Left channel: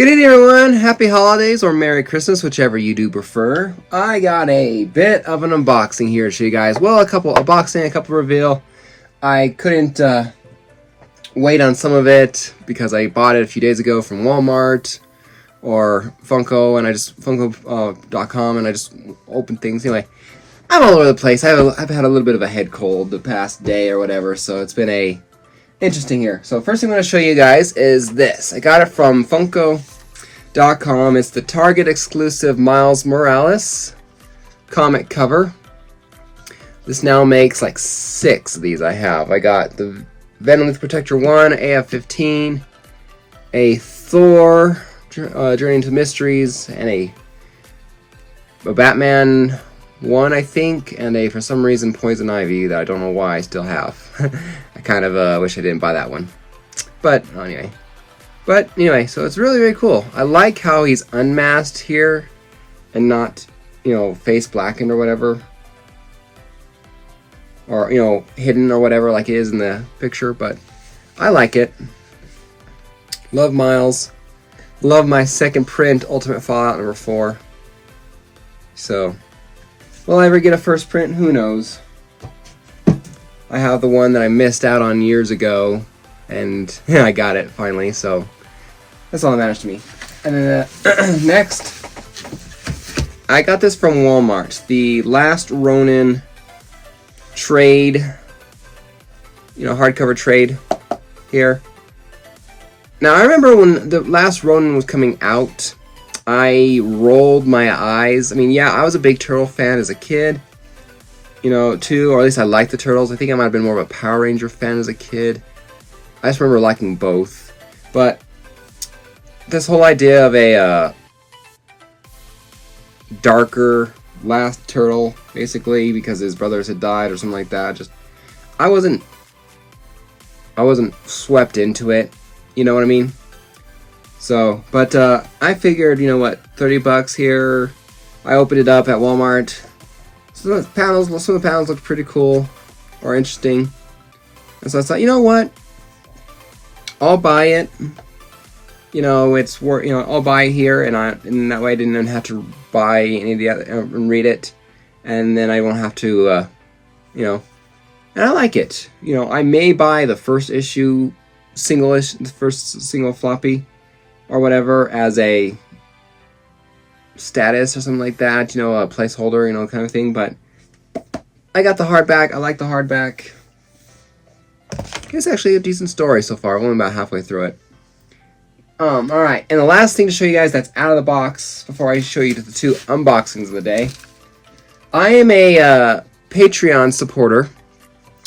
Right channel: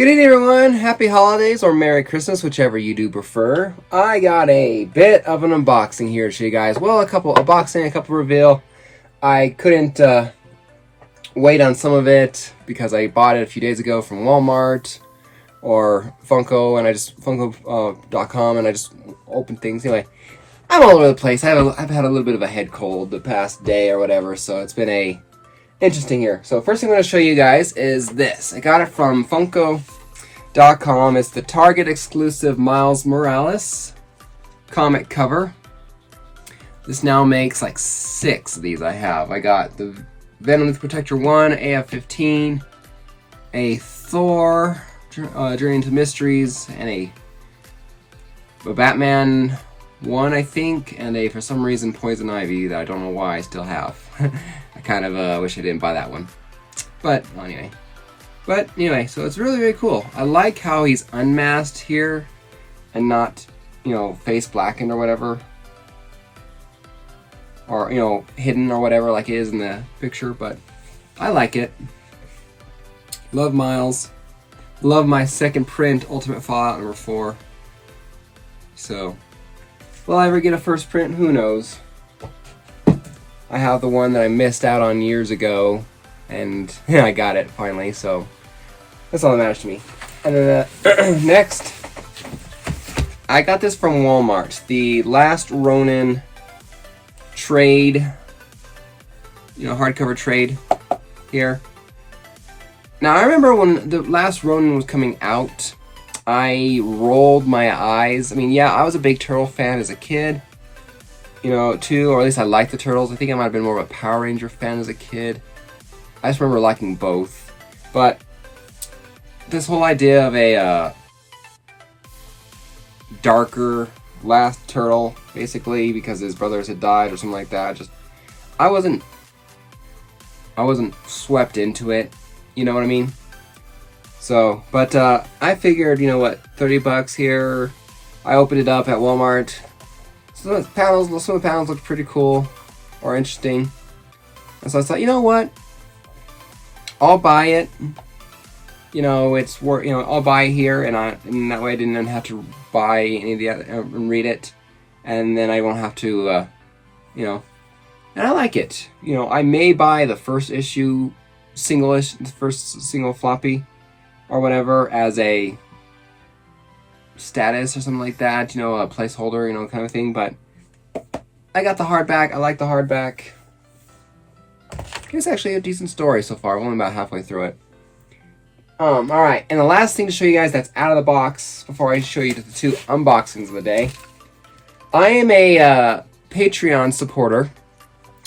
Good evening, everyone. Happy holidays or Merry Christmas, whichever you do prefer. I got a bit of an unboxing here to show you guys. Well, a couple unboxing, a couple reveal. I couldn't wait on some of it because I bought it a few days ago from Walmart or Funko, and Funko.com, and I just opened things. Anyway, I'm all over the place. I've had a little bit of a head cold the past day or whatever, so it's been interesting here. So first thing I'm going to show you guys is this. I got it from Funko.com. It's the Target exclusive Miles Morales comic cover. This now makes like 6 of these I have. I got the Venom Lethal Protector 1, AF-15, a Thor, Journey into Mysteries, and a Batman 1, I think, and for some reason, Poison Ivy that I don't know why I still have. I kind of wish I didn't buy that one. But anyway, so it's really, really cool. I like how he's unmasked here and not, face blackened or whatever. Or, hidden or whatever like it is in the picture, but I like it. Love Miles. Love my second print, Ultimate Fallout number 4. So, will I ever get a first print? Who knows? I have the one that I missed out on years ago, and I got it finally, so that's all that matters to me. And then next, I got this from Walmart. The Last Ronin trade, hardcover trade here. Now, I remember when the Last Ronin was coming out, I rolled my eyes. I mean, yeah, I was a big Turtle fan as a kid, too, or at least I liked the Turtles. I think I might have been more of a Power Ranger fan as a kid. I just remember liking both. But this whole idea of a darker last turtle, basically, because his brothers had died or something like that, I wasn't swept into it. You know what I mean? So, but I figured, $30 here. I opened it up at Walmart. Some of the panels looked pretty cool or interesting. And so I thought, you know what? I'll buy it. It's worth, I'll buy it here, and that way I didn't have to buy any of the other and read it, and then I won't have to, and I like it. I may buy the first issue, the first single floppy, or whatever, as a status or something like that, a placeholder, kind of thing, but I got the hardback. I like the hardback. It's actually a decent story so far. I'm only about halfway through it. Alright, and the last thing to show you guys that's out of the box before I show you the 2 unboxings of the day. I am a Patreon supporter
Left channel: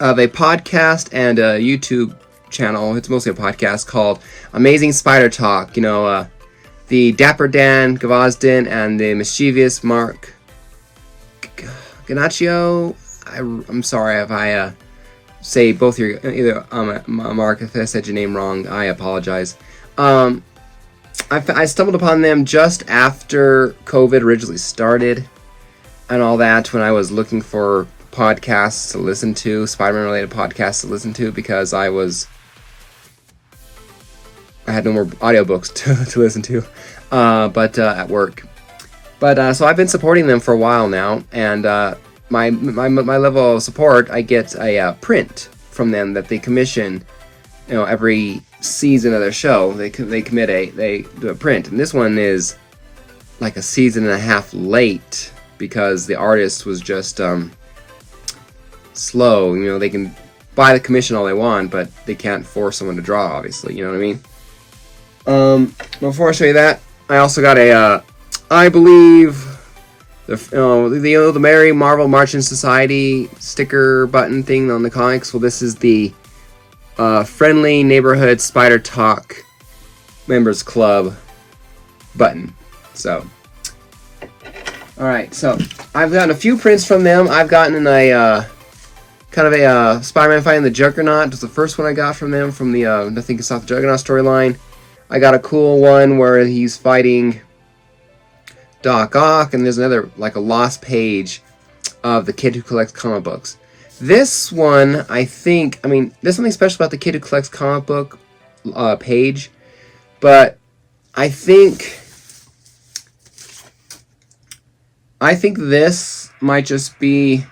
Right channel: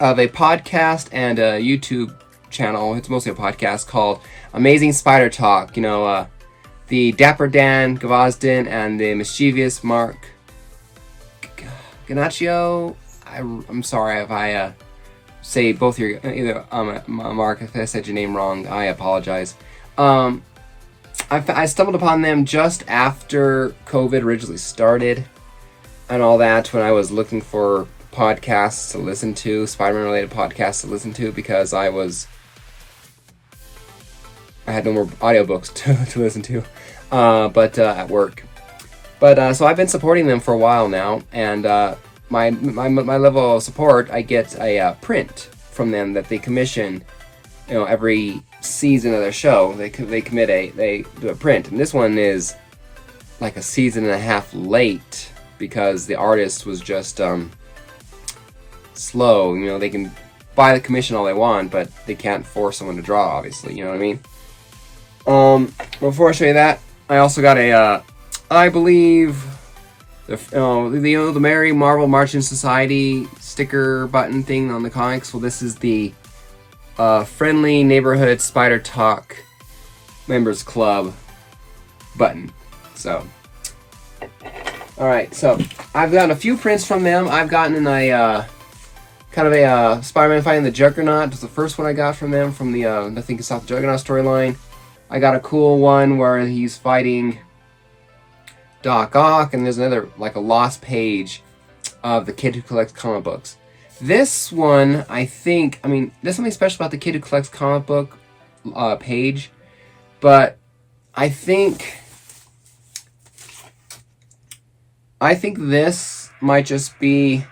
of a podcast and a YouTube channel. It's mostly a podcast called Amazing Spider Talk. The Dapper Dan Gavazdin and the mischievous Mark Ganaccio. I'm sorry if I say both your Mark, if I said your name wrong, I apologize. I stumbled upon them just after COVID originally started and all that, when I was looking for podcasts to listen to, Spider-Man related podcasts to listen to, because I had no more audiobooks to listen to, but at work. But so I've been supporting them for a while now, and my level of support, I get a print from them that they commission, every season of their show. They do a print, and this one is like a season and a half late because the artist was just slow. They can buy the commission all they want, but they can't force someone to draw, obviously. You know what I mean? Before I show you that, I also got I believe the Merry Marvel Marching Society sticker button thing on the comics. Well, this is the Friendly Neighborhood Spider Talk Members Club button. So, alright, so I've gotten a few prints from them. I've gotten a kind of a Spider-Man fighting the Juggernaut. It was the first one I got from them, from the Nothing Can Stop the Juggernaut storyline. I got a cool one where he's fighting Doc Ock, and there's another, like a lost page of the kid who collects comic books. This one, there's something special about the kid who collects comic book page, but I think this might just be,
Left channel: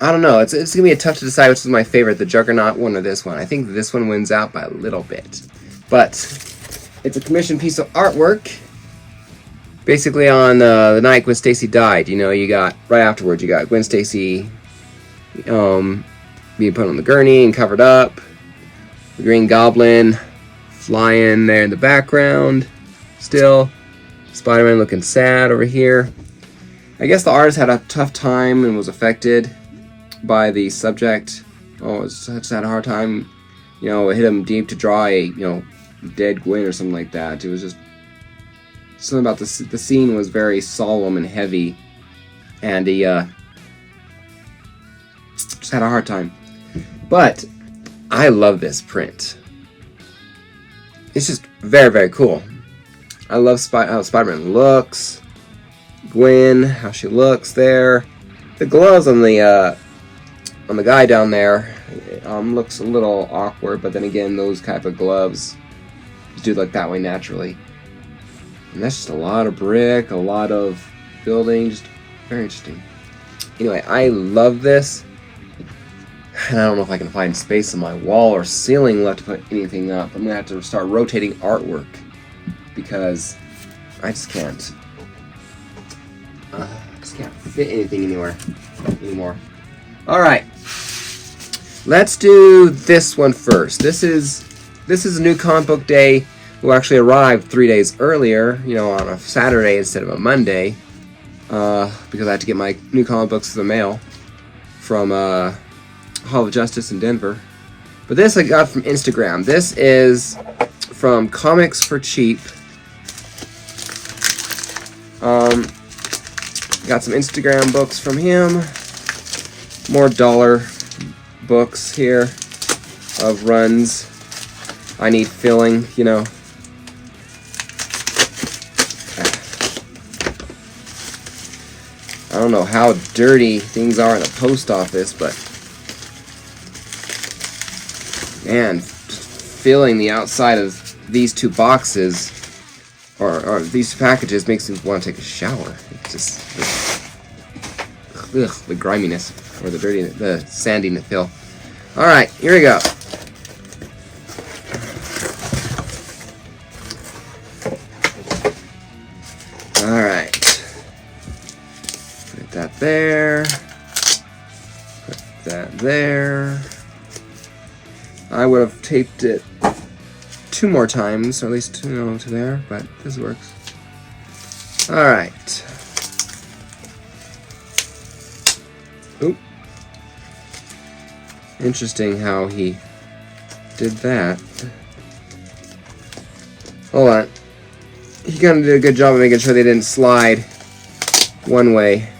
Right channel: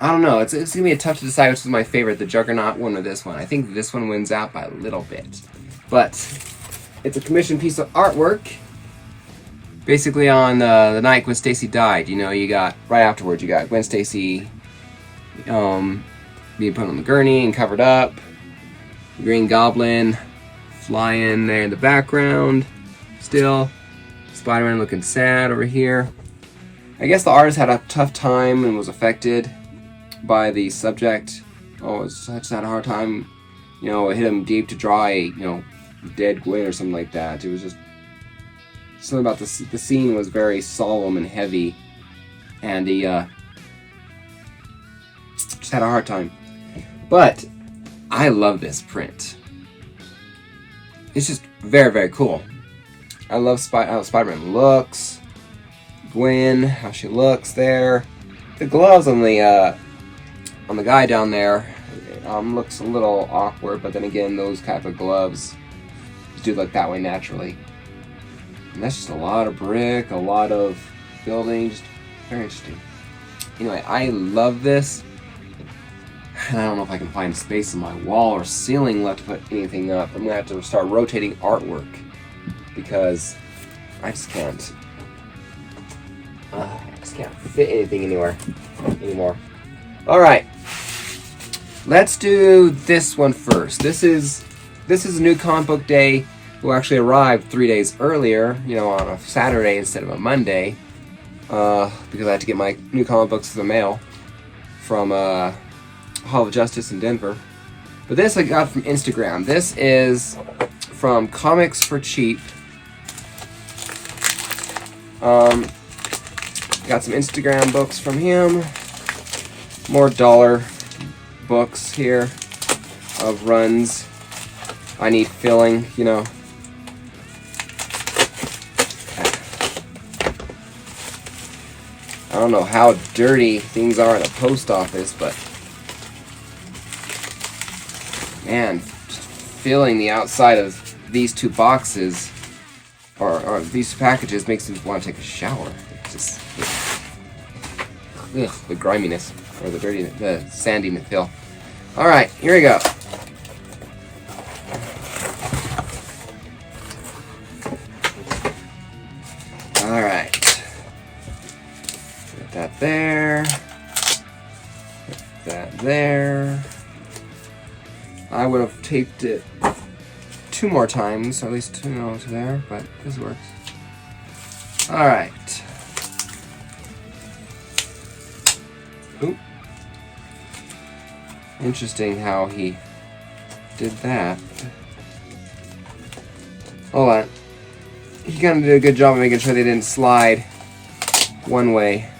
I don't know, it's going to be tough to decide which is my favorite, the Juggernaut one or this one. I think this one wins out by a little bit. But it's a commissioned piece of artwork. Basically on the night Gwen Stacy died, you got, right afterwards, you got Gwen Stacy being put on the gurney and covered up. The Green Goblin flying there in the background still. Spider-Man looking sad over here. I guess the artist had a tough time and was affected by the subject. Oh, it's just had a hard time. It hit him deep to draw a, dead Gwen or something like that. It was just something about the scene was very solemn and heavy, and he just had a hard time. But I love this print. It's just very, very cool. I love how Spider-Man looks. Gwen, how she looks there. The gloves on the guy down there looks a little awkward, but then again, those type of gloves do look that way naturally. And that's just a lot of brick, a lot of building, just very interesting. Anyway, I love this. And I don't know if I can find space on my wall or ceiling left to put anything up. I'm going to have to start rotating artwork because I just can't. I just can't fit anything anywhere anymore. Alright. Let's do this one first. This is a new comic book day. Who actually arrived 3 days earlier, on a Saturday instead of a Monday, because I had to get my new comic books to the mail from Hall of Justice in Denver. But this I got from Instagram. This is from Comics for Cheap. Got some Instagram books from him. More dollar books here of runs. I need filling, I don't know how dirty things are in a post office, but man, filling the outside of these two boxes or these two packages makes me want to take a shower. It's just the griminess or the sandiness feel. All right, here we go. All right. Put that there. Put that there. I would have taped it 2 more times, or at least to there, but this works. All right. Oop. Interesting how he did that. Hold on. He kind of did a good job of making sure they didn't slide one way.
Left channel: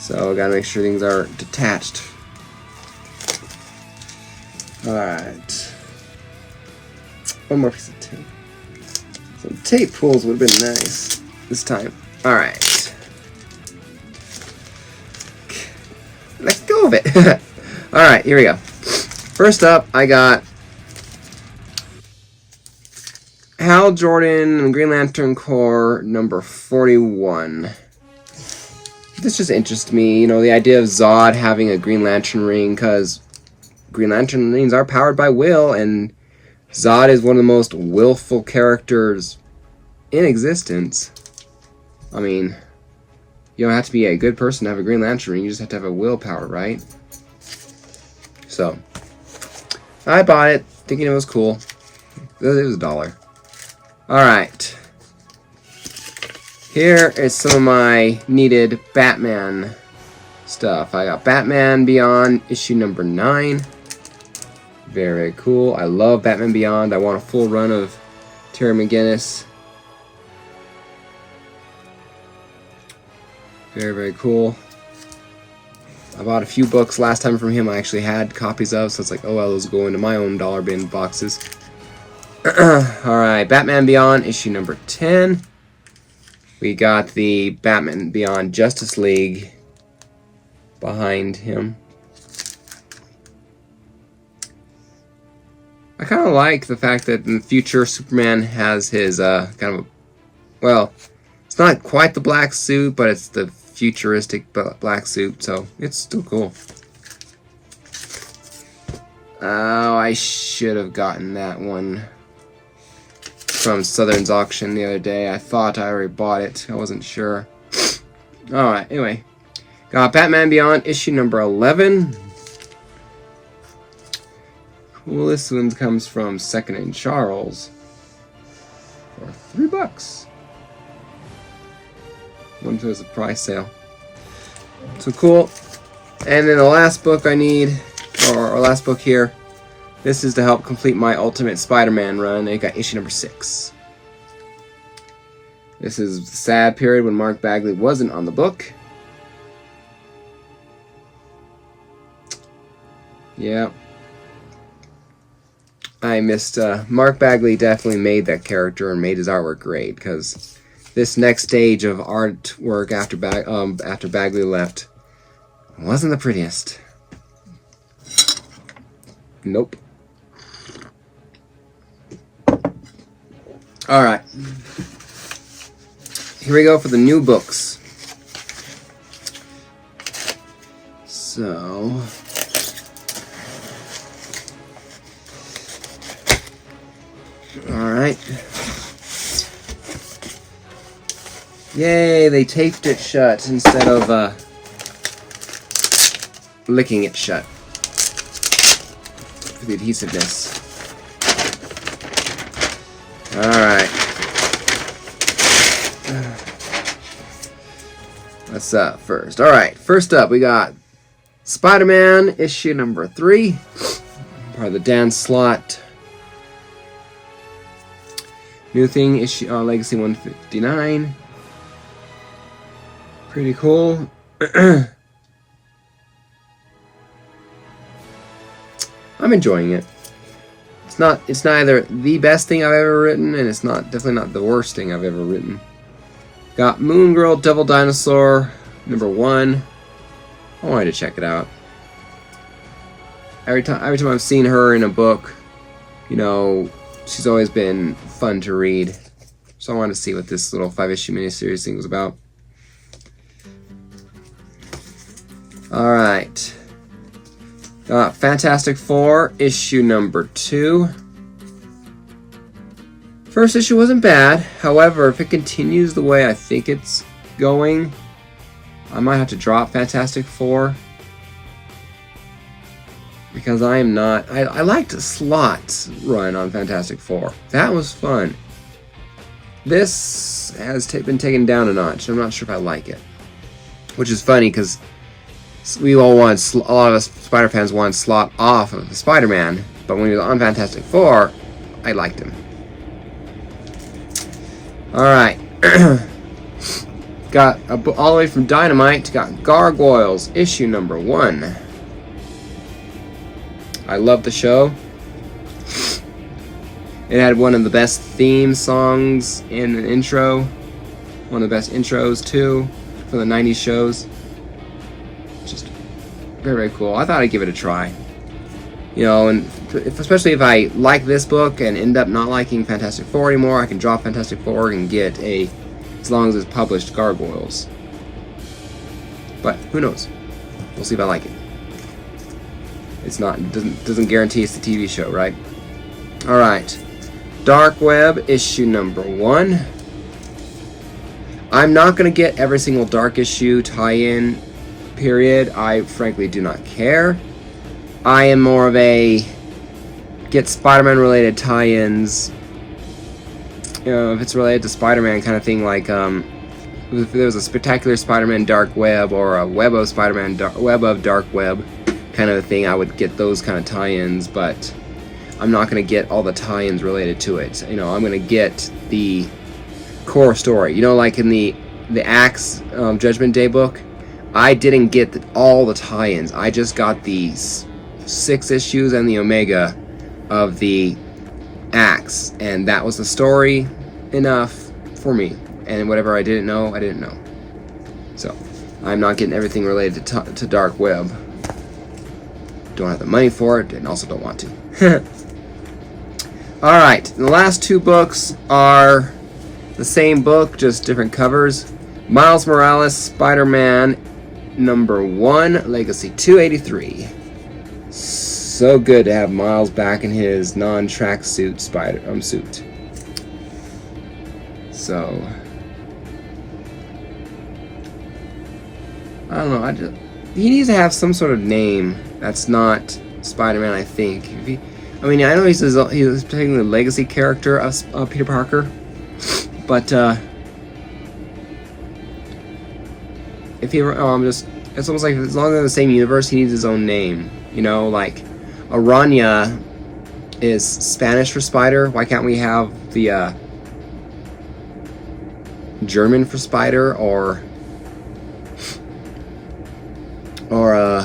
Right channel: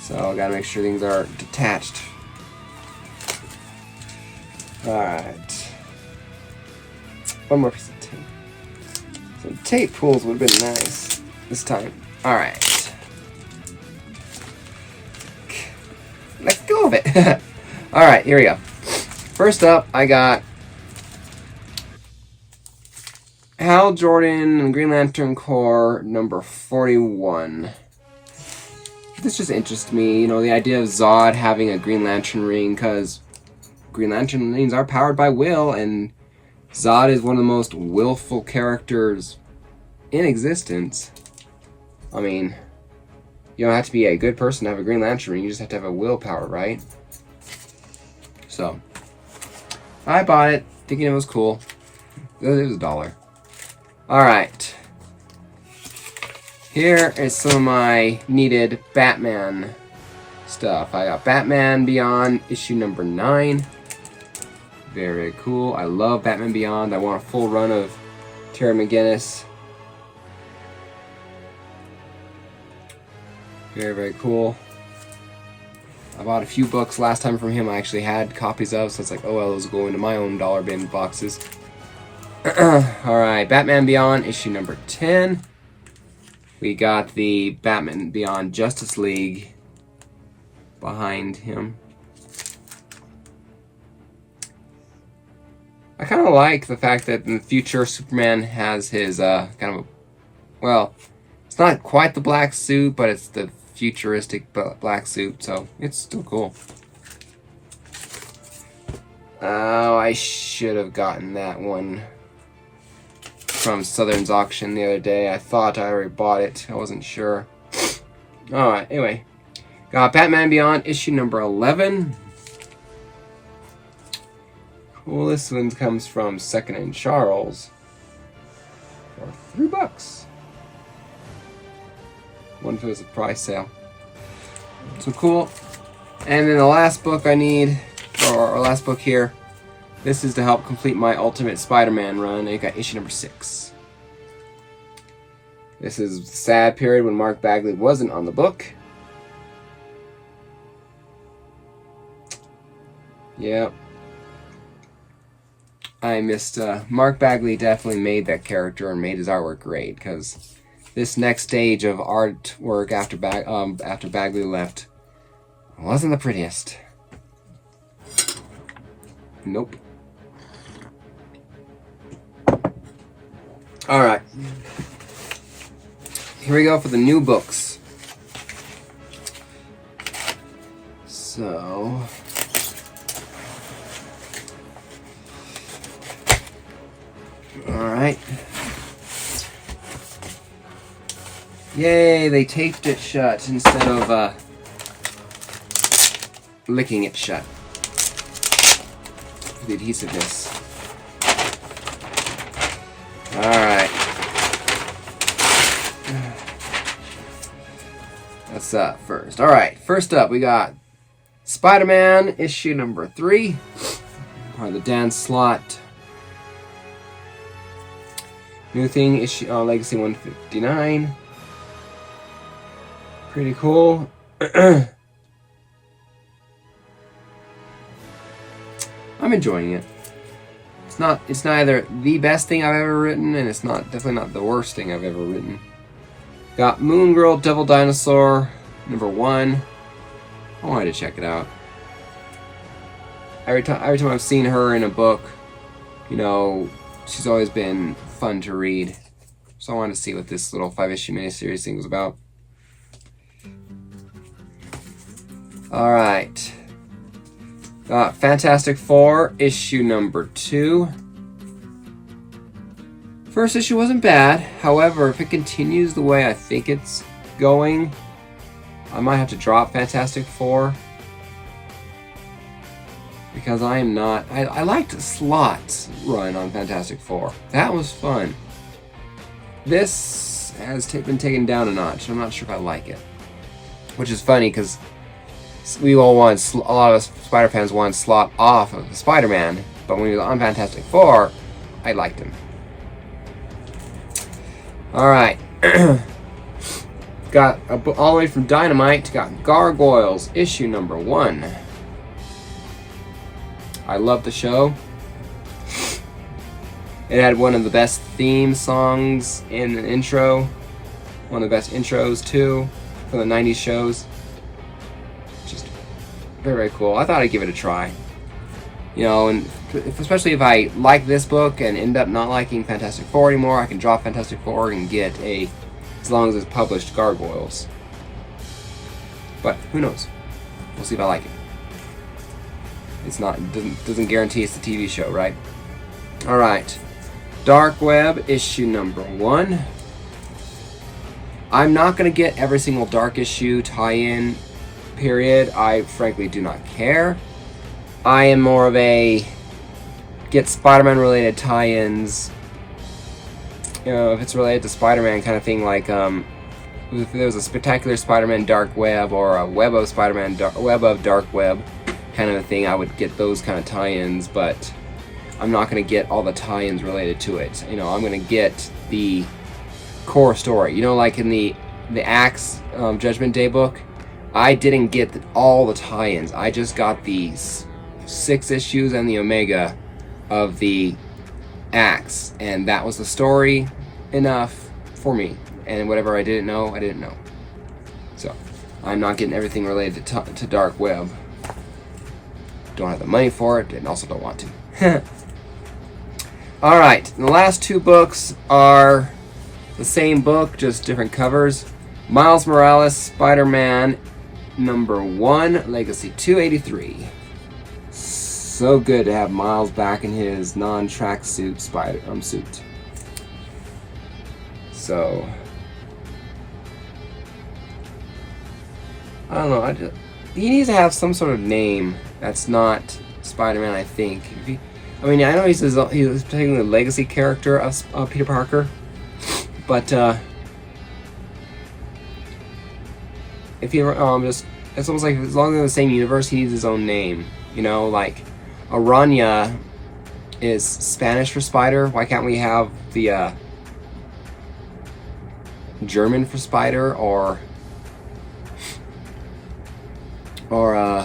So I gotta make sure things are detached. Alright. One more piece of tape. Some tape pulls would have been nice this time. Alright. Let go of it. Alright, here we go. First up, I got Hal Jordan and Green Lantern Corps number 41. This just interests me, the idea of Zod having a Green Lantern ring, because Green Lantern rings are powered by will, and Zod is one of the most willful characters in existence. I mean, you don't have to be a good person to have a Green Lantern ring, you just have to have a willpower, right? So, I bought it, thinking it was cool. It was $1. Alright. Here is some of my needed Batman stuff. I got Batman Beyond issue number 9. Very cool. I love Batman Beyond. I want a full run of Terry McGinnis. Very, very cool. I bought a few books last time from him I actually had copies of, so it's like, oh well, those go into my own dollar bin boxes. Alright, Batman Beyond, issue number 10. We got the Batman Beyond Justice League behind him. I kind of like the fact that in the future Superman has his kind of, well, it's not quite the black suit, but it's the futuristic black suit, so it's still cool. Oh, I should have gotten that one from Southern's auction the other day. I thought I already bought it. I wasn't sure. Alright, anyway. Got Batman Beyond issue number 11. Well, this one comes from Second and Charles for $3. One if it was a price sale. So cool. And then the last book I need, or last book here, this is to help complete my Ultimate Spider-Man run. I got issue number 6. This is the sad period when Mark Bagley wasn't on the book. Yep. I missed, Mark Bagley definitely made that character and made his artwork great, because this next stage of artwork after Bagley left wasn't the prettiest. Nope. Alright. Here we go for the new books. So... Alright. Yay, they taped it shut instead of licking it shut. For the adhesiveness. Alright. What's up first? Alright, first up we got Spider-Man issue number 3. Part of the Dan Slott New Thing issue, Legacy 159. Pretty cool. I'm enjoying it. It's neither the best thing I've ever written, and it's definitely not the worst thing I've ever written. Got Moon Girl Devil Dinosaur number 1. I wanted to check it out. Every time I've seen her in a book, you know, she's always been fun to read. So I wanted to see what this little 5-issue miniseries thing was about. Alright. Got Fantastic Four, issue number 2. First issue wasn't bad. However, if it continues the way I think it's going, I might have to drop Fantastic Four. Because I am not... I liked Slott's run on Fantastic Four. That was fun. This has been taken down a notch. I'm not sure if I like it. Which is funny, because a lot of us Spider fans want Slott off of the Spider-Man, but when he was on Fantastic Four, I liked him. Alright. Got all the way from Dynamite, got Gargoyles, issue number 1. I love the show. It had one of the best theme songs in the intro. One of the best intros, too, for the 90s shows. Just very, very cool. I thought I'd give it a try. You know, and especially if I like this book and end up not liking Fantastic Four anymore, I can drop Fantastic Four and get as long as it's published, Gargoyles. But who knows? We'll see if I like it. It's not, doesn't guarantee it's the TV show, right? Alright. Dark Web, issue number 1. I'm not going to get every single Dark issue tie-in, period. I frankly do not care. I am more of a get Spider-Man related tie-ins. You know, if it's related to Spider-Man kind of thing, like if there was a Spectacular Spider-Man Dark Web or a Web of Spider-Man Web of Dark Web kind of a thing, I would get those kind of tie-ins, but I'm not going to get all the tie-ins related to it. You know, I'm going to get the core story. You know, like in the Axe Judgment Day book, I didn't get all the tie-ins. I just got these 6 issues and the Omega of the Axe, and that was the story enough for me. And whatever I didn't know, I didn't know. So, I'm not getting everything related to Dark Web. Don't have the money for it, and also don't want to. Alright, the last two books are the same book, just different covers. Miles Morales, Spider-Man #1, Legacy 283. So good to have Miles back in his non-tracksuit suit. So, I don't know. He needs to have some sort of name that's not Spider-Man. I think. I mean, I know he's particularly the legacy character of Peter Parker, but if he ever, it's almost like as long as they're in the same universe, he needs his own name. You know, like Araña is Spanish for spider. Why can't we have the German for spider, or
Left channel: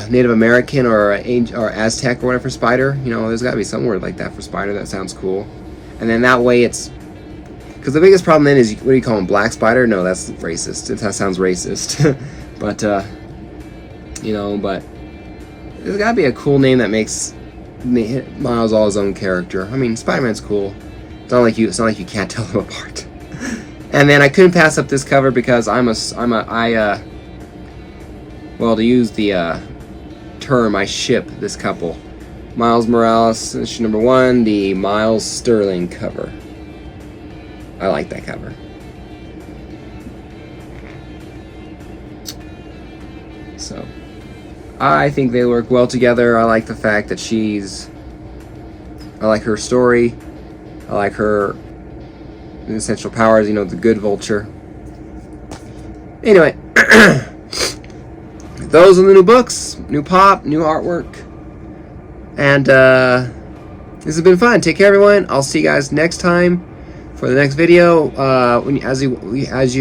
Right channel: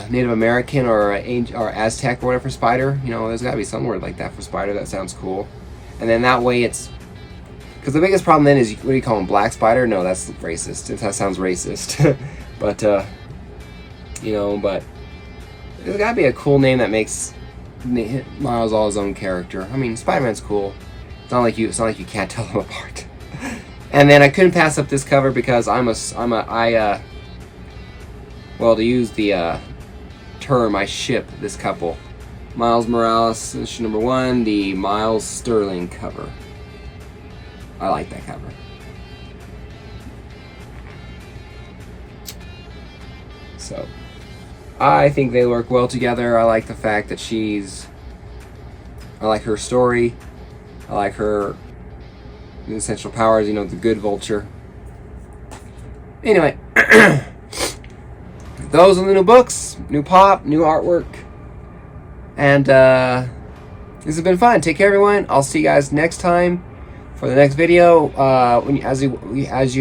Native American or Aztec or whatever for spider? You know, there's got to be some word like that for spider. That sounds cool. And then that way it's... Because the biggest problem then is, what do you call him, black spider? No, that's racist. That sounds racist. But, you know, but there's got to be a cool name that makes Miles all his own character. I mean, Spider-Man's cool. It's not like you can't tell them apart. And then I couldn't pass up this cover because well, to use the term, I ship this couple. Miles Morales, issue #1, the Miles Sterling cover. I like that cover. So, I think they work well together. I like the fact that I like her story. I like her essential powers, you know, the good Vulture. Anyway, those are the new books, new pop, new artwork, and this has been fun. Take care, everyone. I'll see you guys next time for the next video. As you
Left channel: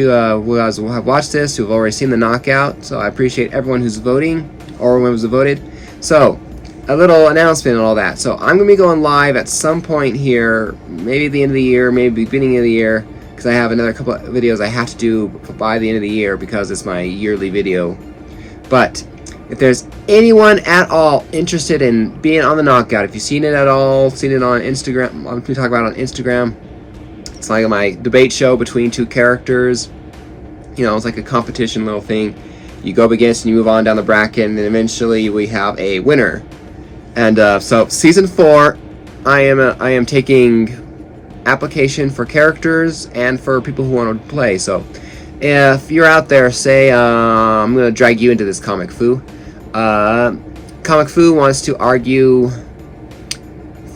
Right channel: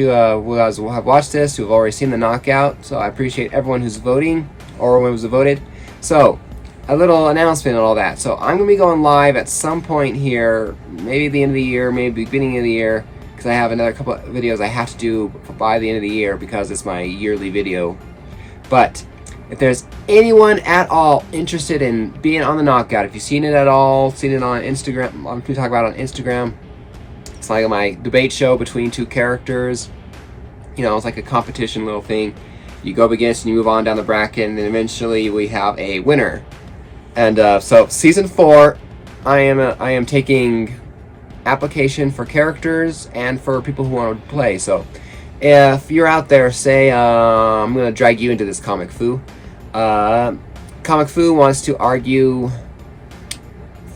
will have watched this, who've already seen the knockout. So I appreciate everyone who's voting, or everyone who's voted. So a little announcement and all that. So I'm gonna be going live at some point here, maybe at the end of the year, maybe beginning of the year, because I have another couple of videos I have to do by the end of the year because it's my yearly video. But if there's anyone at all interested in being on the knockout, if you've seen it at all, seen it on Instagram, I'm talk about it on Instagram. It's like my debate show between two characters. You know, it's like a competition little thing. You go up against and you move on down the bracket, and then eventually we have a winner. And so season 4, I am taking application for characters and for people who want to play. So if you're out there, say I'm gonna drag you into this Comic Fu. Comic Fu wants to argue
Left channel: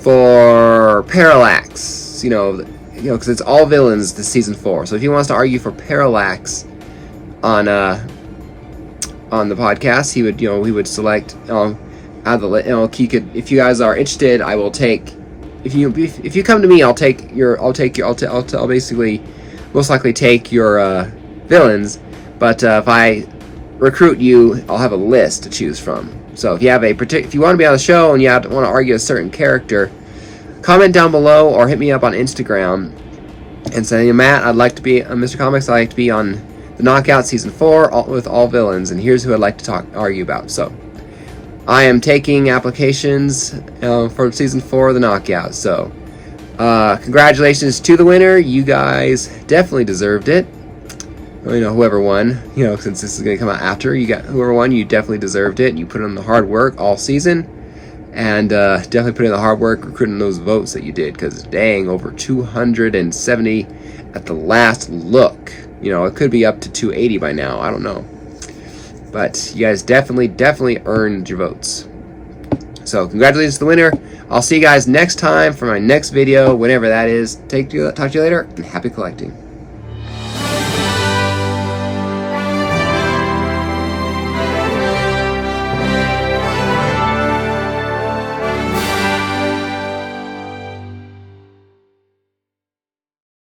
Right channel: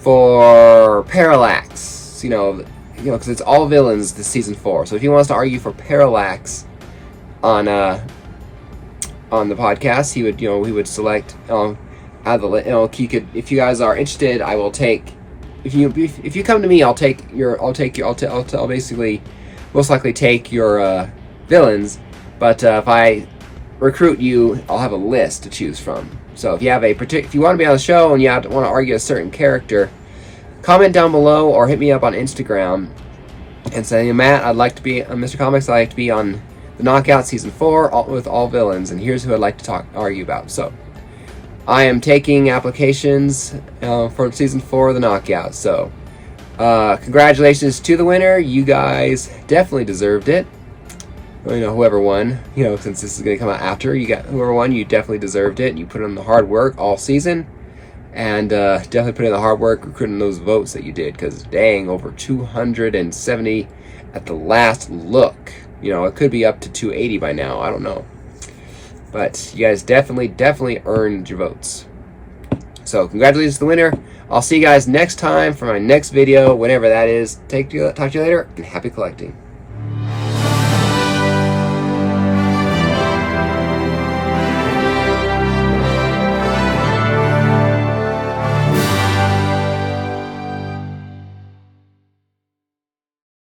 for Parallax. You know, because it's all villains this season 4. So if he wants to argue for Parallax on the podcast, he would select out of the he could. If you guys are interested, I will take. If you come to me, I'll basically most likely take your villains. But if I recruit you, I'll have a list to choose from. So if you have if you want to be on the show and you want to argue a certain character, comment down below or hit me up on Instagram and say, Matt, I'd like to be on Mr. Comics. I'd like to be on the Knockout season 4 with all villains, and here's who I'd like to argue about. So I am taking applications for season 4 of the Knockout. So congratulations to the winner. You guys definitely deserved it. You know, whoever won, since this is going to come out after, whoever won, you definitely deserved it. You put in the hard work all season, and definitely put in the hard work recruiting those votes that you did, because dang, over 270 at the last look. It could be up to 280 by now, I don't know. But you guys definitely earned your votes. So congratulations to the winner. I'll see you guys next time for my next video, whenever that is. Talk to you later, and happy collecting.